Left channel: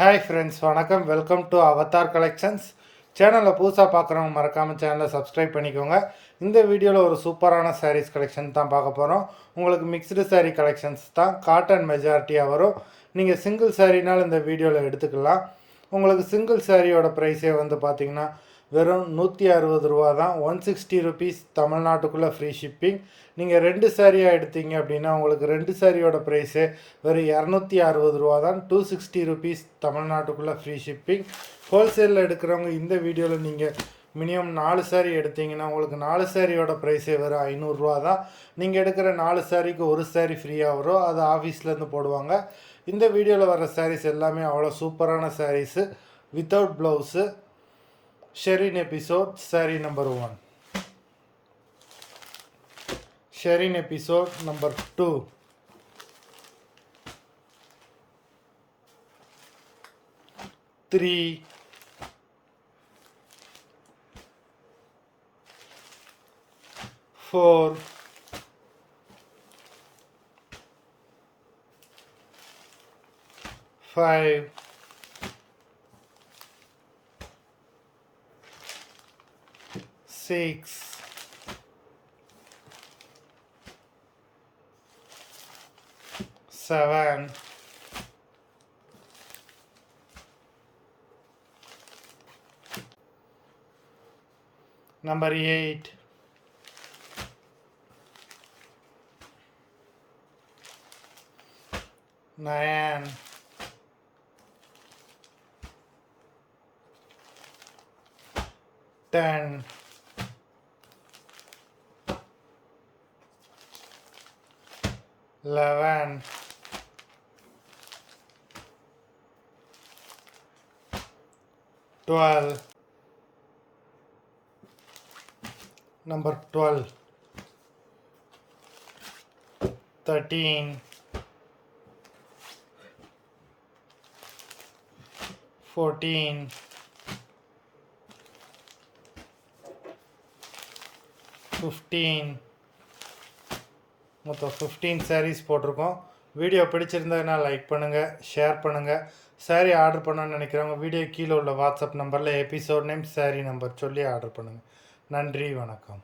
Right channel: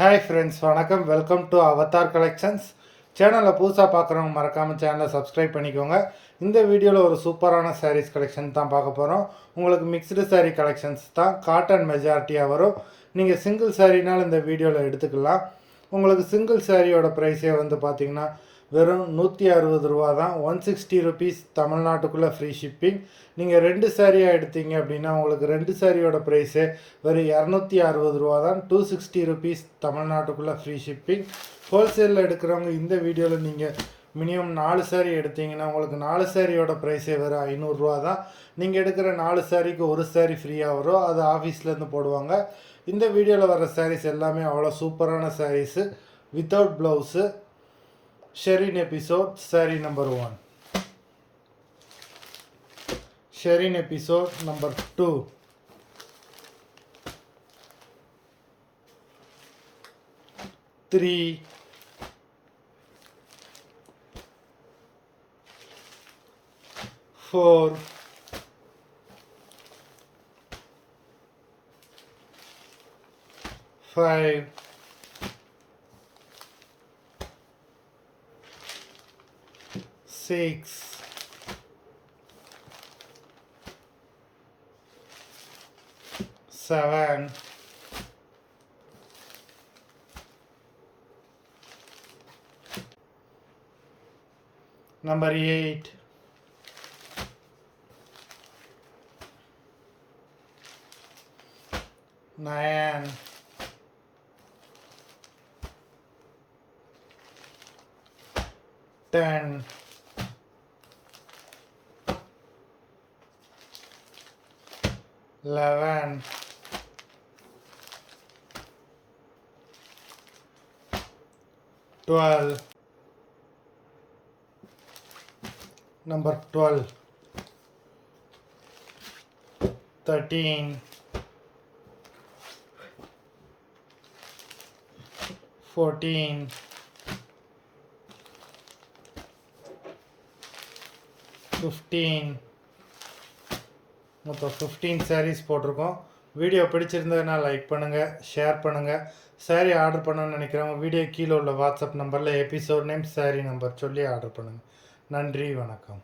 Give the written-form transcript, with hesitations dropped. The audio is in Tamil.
ஹாய் ஃப்ரெண்ட்ஸ், வணக்கம். Welcome to Avatar collections. சேனலில் புதுசாக பார்க்குறவங்க மறக்காமல் சேனலை சப்ஸ்கிரைப் பண்ணிக்கோங்க. இந்த வீடியோவில் ஒரு சூப்பரான சாரீஸ் கலெக்ஷன் தான் பார்க்க போகிறோம். உங்களுக்கு மிக்ஸ்டு சாரீ கலெக்ஷன்ஸ் தான், காட்டன் மெஜாரிட்டியாக வரும். நீங்கள் சிங்கிள் சாரீனால் இந்த வீடியோவில் எடுத்துக்கலாம். உங்களுக்கு சிங்கிள் சாரியோட ப்ரைஸே வந்து பார்த்திங்கன்னா வெறும் 160 ரூபா தான். 160 ருபீஸ் தமிழ்நாட்டுக்குள்ளே ஃப்ரீ ஷிப்பிங். நீங்கள் 2 சாரியாக எடுத்தீங்க அப்படின்னா உங்களுக்கு 2 சாரியோட ப்ரைஸே வெறும் 260 ரூபா தான். 260 ருபீஸ் தமிழ்நாட்டுக்குள்ளே ஃப்ரீ ஷிப்பிங். ஹோல்சேலில் எடுக்கிறவங்க இந்த வீடியோவில் நீங்கள் மினிமம் 4 சாரி எடுத்தீங்கன்னா உங்களுக்கு 4 சாரியோட ப்ரைஸே வெறும் 500 ரூபா தான். நீங்கள் எடுக்கிற 4 சாரிக்கு ஒரு சாரி ஃப்ரீயாக வரும். அது ஆஃபீஸ்லேருந்து போடுவாங்க. இந்த வீடியோவில் வர சாரீஸ் எல்லாமே அவ்வளோ சூப்பரான sarees, without blouse. Sherin episode saree number 1, Sherin episode number 2, three, 4, 5, 6, 7, 8, 9, 10, 11, 12, number 12, 13, 14, 15. மொத்தம் 15 சாரீஸ் போட்டிருக்கோம். வீடியோ பிடிச்சிருந்ததுன்னா லைக் பண்ணுங்கள், ஷேர் பண்ணுங்கள். சாரீ ஆர்டர் பண்ணணும்னு நினைக்கிறவங்க வீடியோ கீழே உள்ள வாட்ஸ்அப் நம்பரில் எபிசோட் நேம், சாரீ நம்பர் சொல்லி ஆர்டர் பண்ணுங்கள். நன்றி, வணக்கம்.